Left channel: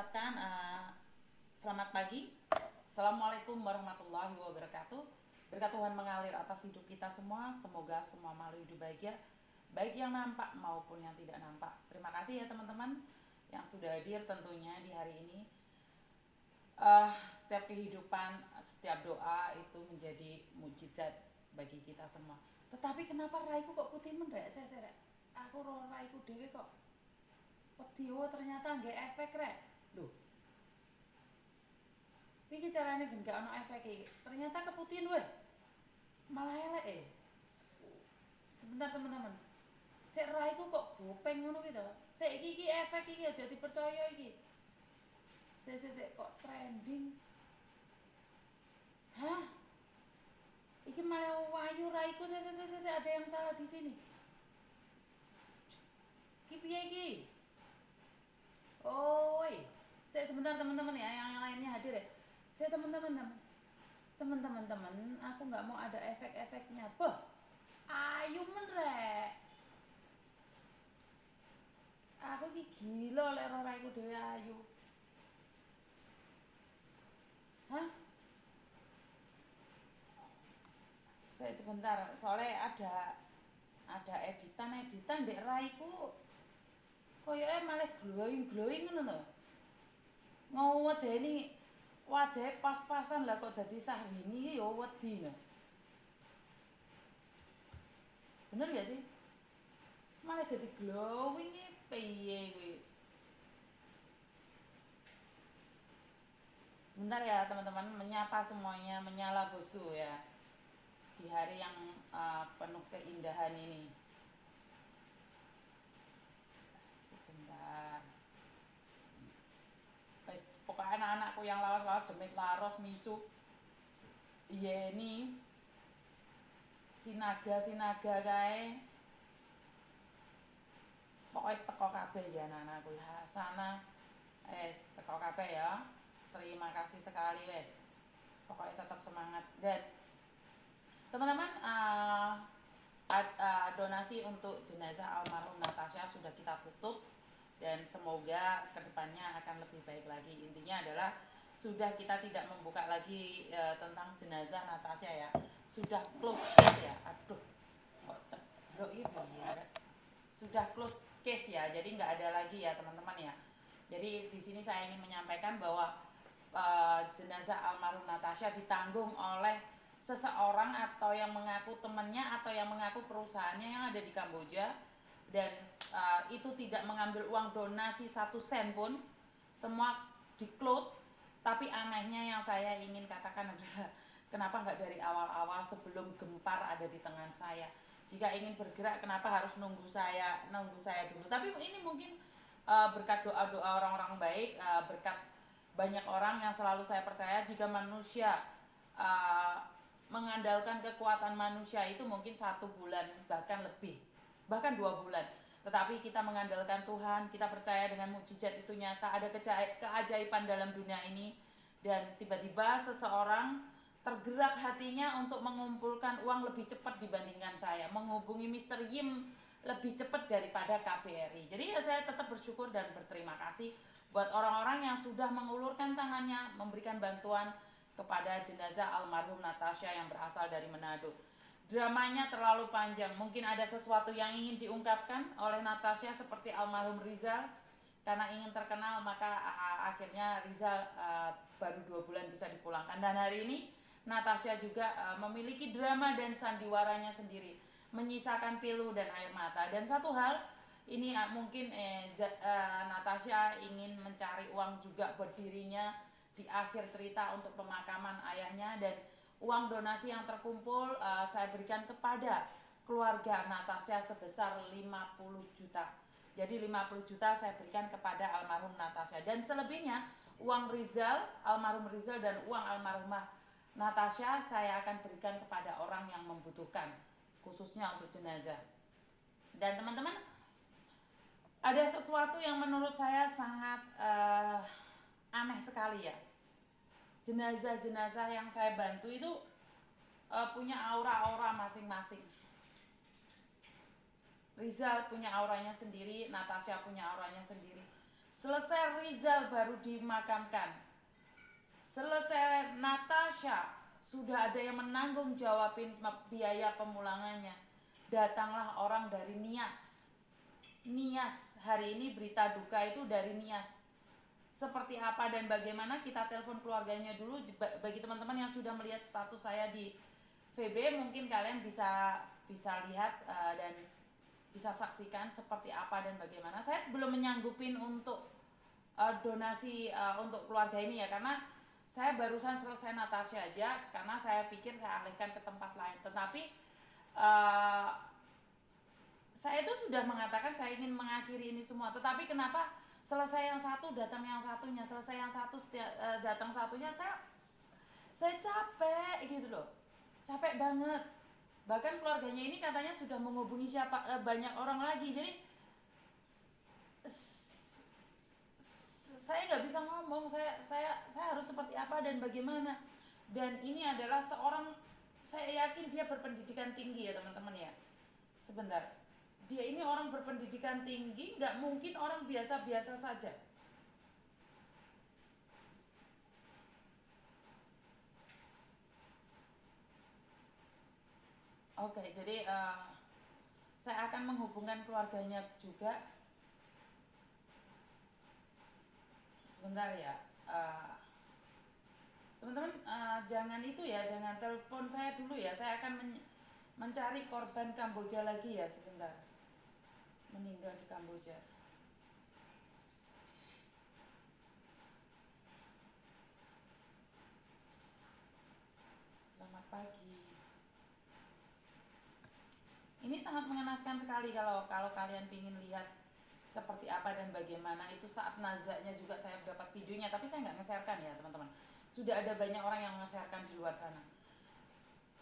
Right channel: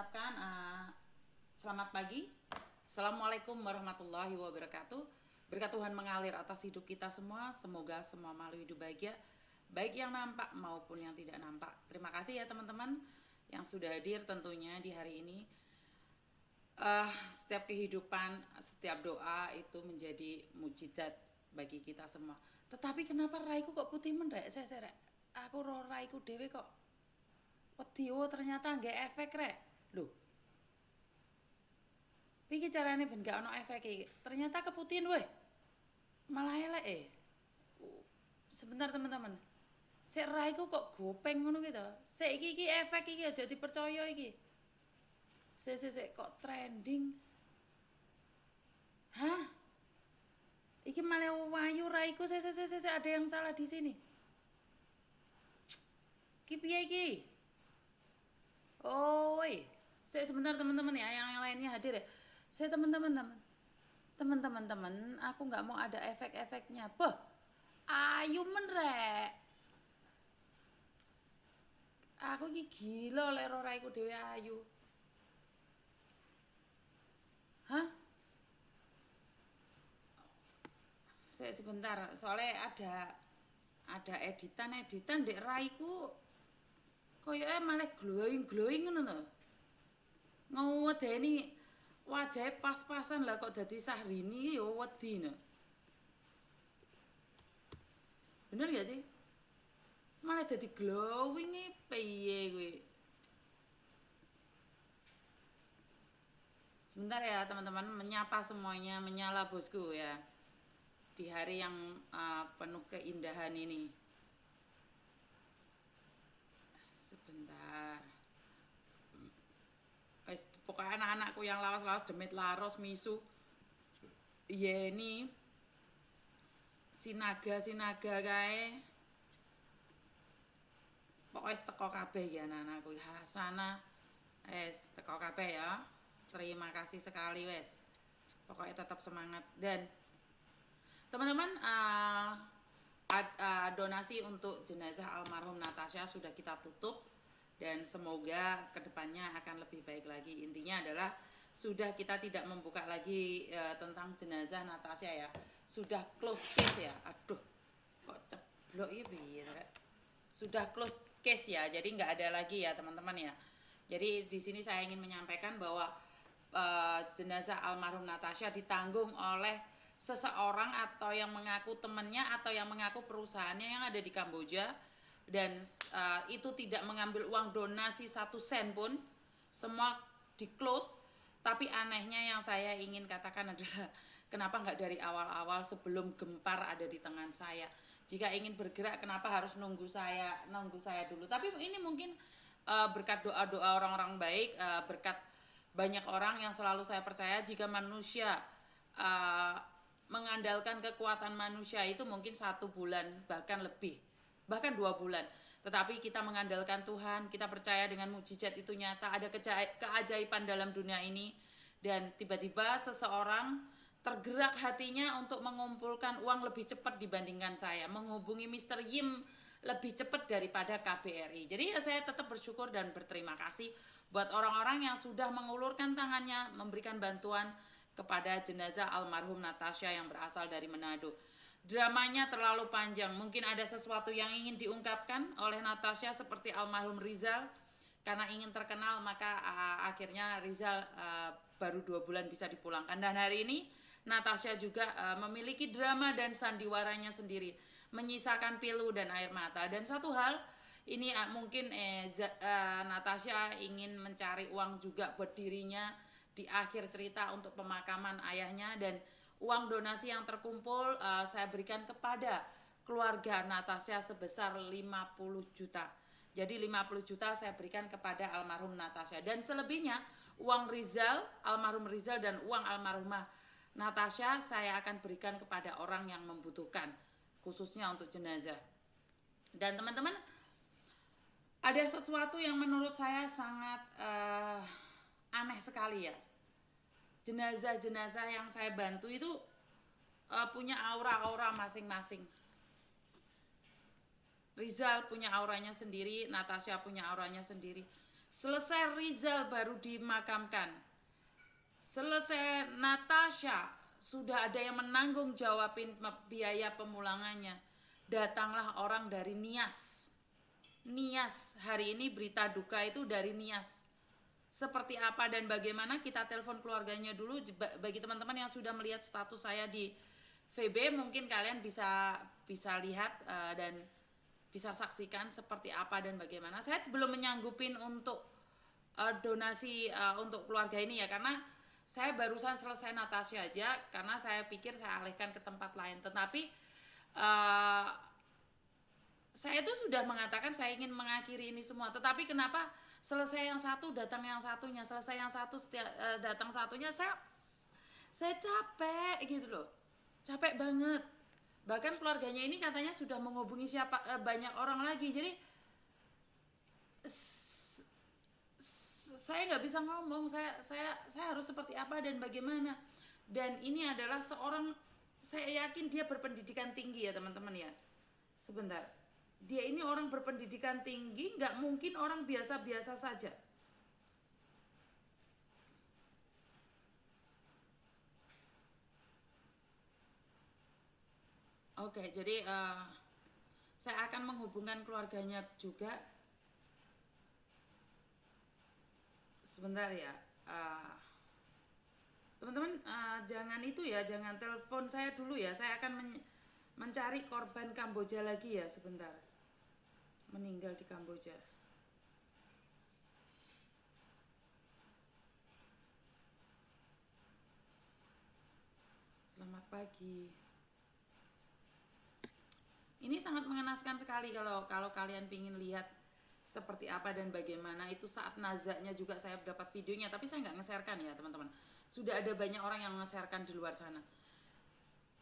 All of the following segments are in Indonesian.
ucapkan selamat pagi. Assalamualaikum warahmatullahi wabarakatuh. Berkat Tuhan mengalir atas hidup kita semua. Semoga semua makhluk hidup bahagia, baik yang nampak maupun yang tidak nampak. Terima kasih ya teman-teman yang sudah hadir tentunya di hari ini. Setiap kehidupan, setiap doa itu menjadi mujizat bagi kita semua. Tetapi kenapa raiku kok putih mendrek? Saya aku raiku dewe kok wedi, ternyata nggak efek rek. Loh, iki carane ben gak ono efek iki. Ternyata keputihan weh. Malah elek Sebentar teman-teman. Sik raiku kok gopeng ngono gitu. Sik iki efek iki aja dipercaya iki. Sik kok trending. Hah? Iki malah wayu raiku. Sik ada yang salah di sini. Ki piye iki? Oh, saya sebentar teman-teman ya, yang lainnya hadir ya. Saya teman-teman, aku nggak mau ada efek-efeknya. Boh, ayu menrek. Aku ki gila lek roraiku dhewe ayu. Hah? Saya sebentar, soalnya ada editan dek raiku. Koyoke malah glowing ngono lho. Ngwedeni wajahnya pas-pasan lah kok dadi Syahrini ya wedi no. Bener gak sih? Malah dadi glowing nih piye gue. Sebentar ya teman-teman, menyapa semuanya, menyala bosku ya. Di hari yang penuh keindahan ini. Sebentar. Pokoknya anak-anakku yang lawas-lawas demit laros misu. Iya ini sinaga kae. Pokoknya teko kabeh ya anak-anakku. Hasana teko kabeh ya. Terima kasih sekali wes. Pokoknya tetap semangat dan teman-teman donasi untuk jenazah almarhum Natasha sudah kita tutup dan semoga kedepannya akan lebih baik lagi. Intinya adalah sudah kita tidak membuka lagi tentang jenazah Natasha ya. Sudah close case ya. Aduh, kok ceblok ini ya. Sudah close case ya. Jadi nggak ada lagi ya teman-teman ya. Jadi di sini saya ingin menyampaikan bahwa jenazah almarhum Natasha ditanggung oleh seseorang atau yang mengaku temannya atau yang mengaku perusahaannya yang ada di Kamboja dan itu tidak mengambil uang donasi 1 sen pun, semua di close. Tapi anehnya yang saya ingin katakan adalah kenapa nggak dari awal-awal sebelum gempar ada di tangan saya. Jika ingin bergerak kenapa harus nunggu saya dulu. Tapi ini mungkin berkat doa-doa orang-orang baik, berkat banyak orang yang selalu saya percaya jika manusia mengandalkan kekuatan manusia itu mungkin 1 bulan bahkan lebih, bahkan 2 bulan. Tetapi kita mengandalkan Tuhan, kita percaya dengan mukjizat itu nyata, ada keajaiban dalam dunia ini. Dan tiba-tiba seseorang tergerak hatinya untuk mengumpulkan uang lebih cepat dibandingkan saya, menghubungi Mr. Yim lebih cepat daripada KBRI. Jadi ya saya tetap bersyukur dan berterima kasih buat orang-orang yang sudah mengulurkan tangannya memberikan bantuan kepada jenazah almarhum Natasha yang berasal dari Manado. Dramanya terlalu panjang, mungkin ada sesuatu yang ingin diungkapkan oleh Natasha seperti almarhum Rizal. Karena ingin terkenal maka akhirnya Rizal baru 2 bulan bisa dipulangkan. Dan hari ini Natasha juga memiliki drama dan sandiwaranya sendiri, menyisakan pilu dan air mata. Dan satu hal, ini mungkin Natasha ingin mencari uang juga buat dirinya di akhir cerita untuk pemakaman ayahnya, dan uang donasi yang terkumpul saya berikan kepada keluarga Natasha sebesar 50 juta. Jadi 50 juta saya berikan kepada almarhum Natasha, dan selebihnya uang Rizal, almarhum Rizal dan uang almarhumah Natasha saya akan berikan kepada orang yang membutuhkan, khususnya untuk jenazah. Dan teman-teman, ada sesuatu yang menurut saya sangat aneh sekali ya. Jenazah-jenazah yang saya bantu itu punya aura-aura masing-masing. Rizal punya auranya sendiri, Natasha punya auranya sendiri. Selesai Rizal baru dimakamkan. Selesai Natasha sudah ada yang menanggung jawabin biaya pemulangannya. Datanglah orang dari Nias. Nias, hari ini berita duka itu dari Nias. Seperti apa dan bagaimana, kita telepon keluarganya dulu. Bagi teman-teman yang sudah melihat status saya di VB, mungkin kalian bisa lihat dan bisa saksikan seperti apa dan bagaimana. Saya belum menyanggupin untuk donasi untuk keluarga ini ya, karena saya barusan selesai Natasha aja, karena saya pikir saya alihkan ke tempat lain. Tetapi saya itu sudah mengatakan saya ingin mengakhiri ini semua. Tetapi kenapa selesai yang satu datang yang satunya, selesai yang satu datang satunya, saya capek gitu loh, capek banget. Bahkan keluarganya ini katanya sudah menghubungi banyak orang lagi. Jadi saya nggak bisa ngomong, saya harus seperti apa dan bagaimana. Dan ini adalah seorang, saya yakin dia berpendidikan tinggi ya teman-teman ya. Sebentar, dia ini orang berpendidikan tinggi, nggak mungkin orang biasa-biasa saja. Oke, jadi saya akan menghubungkan keluarganya juga. Sebentar ya, teman-teman, jangan itu ya, jangan telepon saya dulu ya. Saya akan mencari korban Kamboja lagi ya, sebentar. Meninggal di Kamboja. Selamat pagi. Ini sangat mengenaskan sekali kalau kalian ingin lihat seperti apa dan bagaimana. Itu saat nazaknya juga saya dapat videonya, tapi saya nggak nge-sharekan ya teman-teman. Sudah ada banyak orang yang nge-sharekan di luar sana.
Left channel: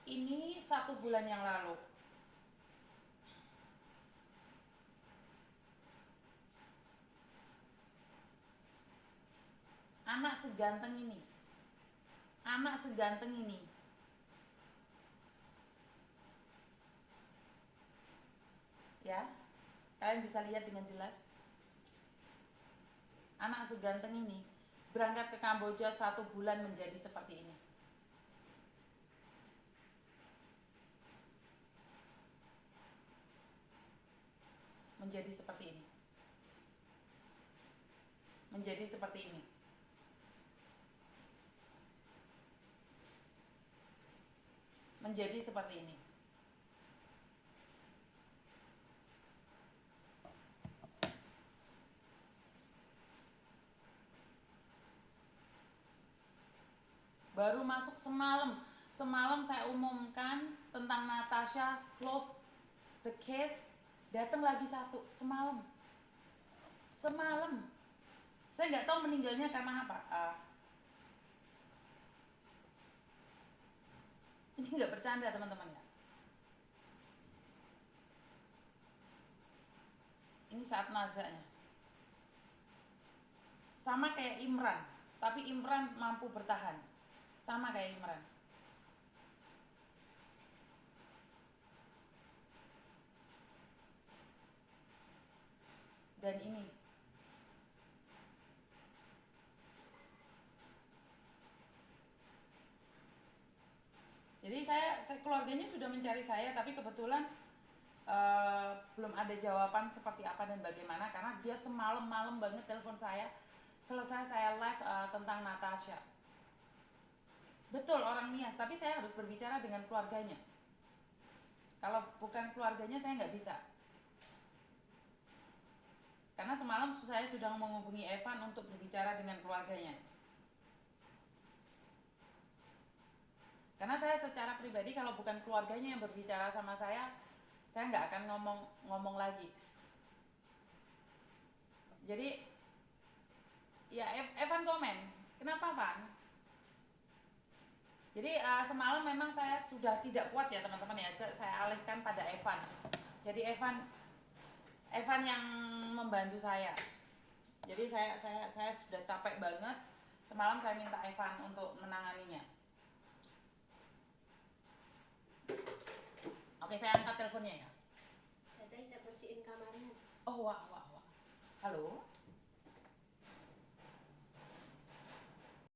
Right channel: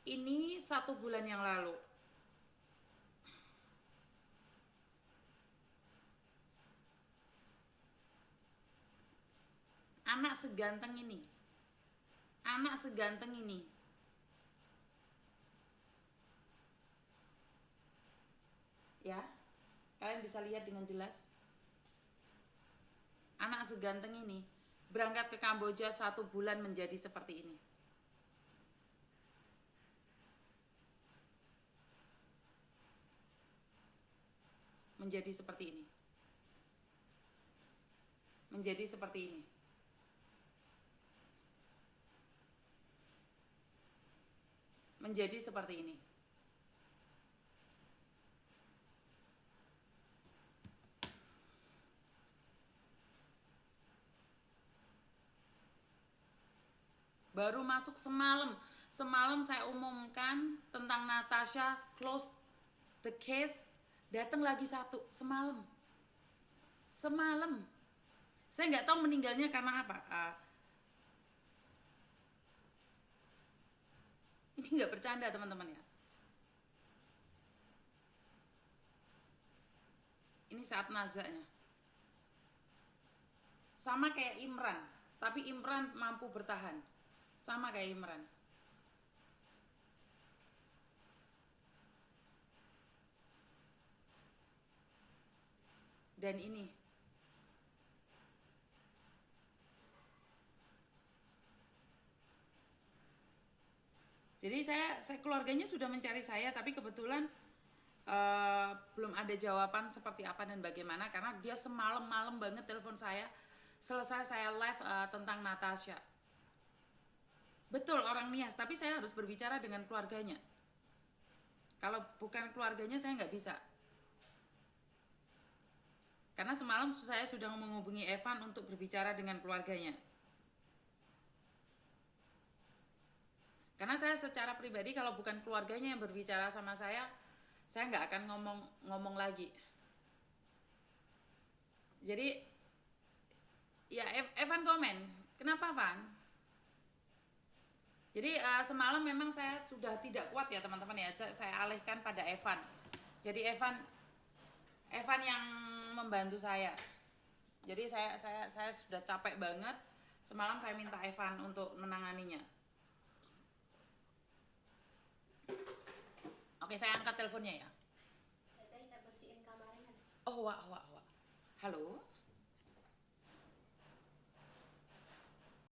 Ini 1 bulan yang lalu. Anak seganteng ini, ya, kalian bisa lihat dengan jelas. Anak seganteng ini berangkat ke Kamboja 1 bulan menjadi seperti ini. Menjadi seperti ini. Menjadi seperti ini. Menjadi seperti ini. Baru masuk semalam. Semalam saya umumkan tentang Natasha, close the case. Datang lagi 1 semalam. Semalam. Saya nggak tahu meninggalnya karena apa. Ini nggak bercanda teman-teman ya. Ini saat nazaknya. Sama kayak Imran, tapi Imran mampu bertahan. Sama kayak Imran. Dan ini. Jadi saya keluarganya sudah mencari saya, tapi kebetulan belum ada jawaban seperti apa dan bagaimana, karena dia semalam-malam banget telepon saya. Selesai saya live tentang Natasha. Betul, orang Nias, tapi saya harus berbicara dengan keluarganya. Kalau bukan keluarganya saya nggak bisa. Karena semalam saya sudah menghubungi Evan untuk berbicara dengan keluarganya. Karena saya secara pribadi kalau bukan keluarganya yang berbicara sama saya nggak akan ngomong lagi. Jadi ya Evan komen, kenapa Van? Jadi semalam memang saya sudah tidak kuat ya teman-teman ya, saya alihkan pada Evan. Jadi Evan yang membantu saya. Jadi saya sudah capek banget. Semalam saya minta Evan untuk menanganinya. Oke, saya angkat teleponnya ya. Tadi kita bersihin kamarnya. Oh, wah. Halo.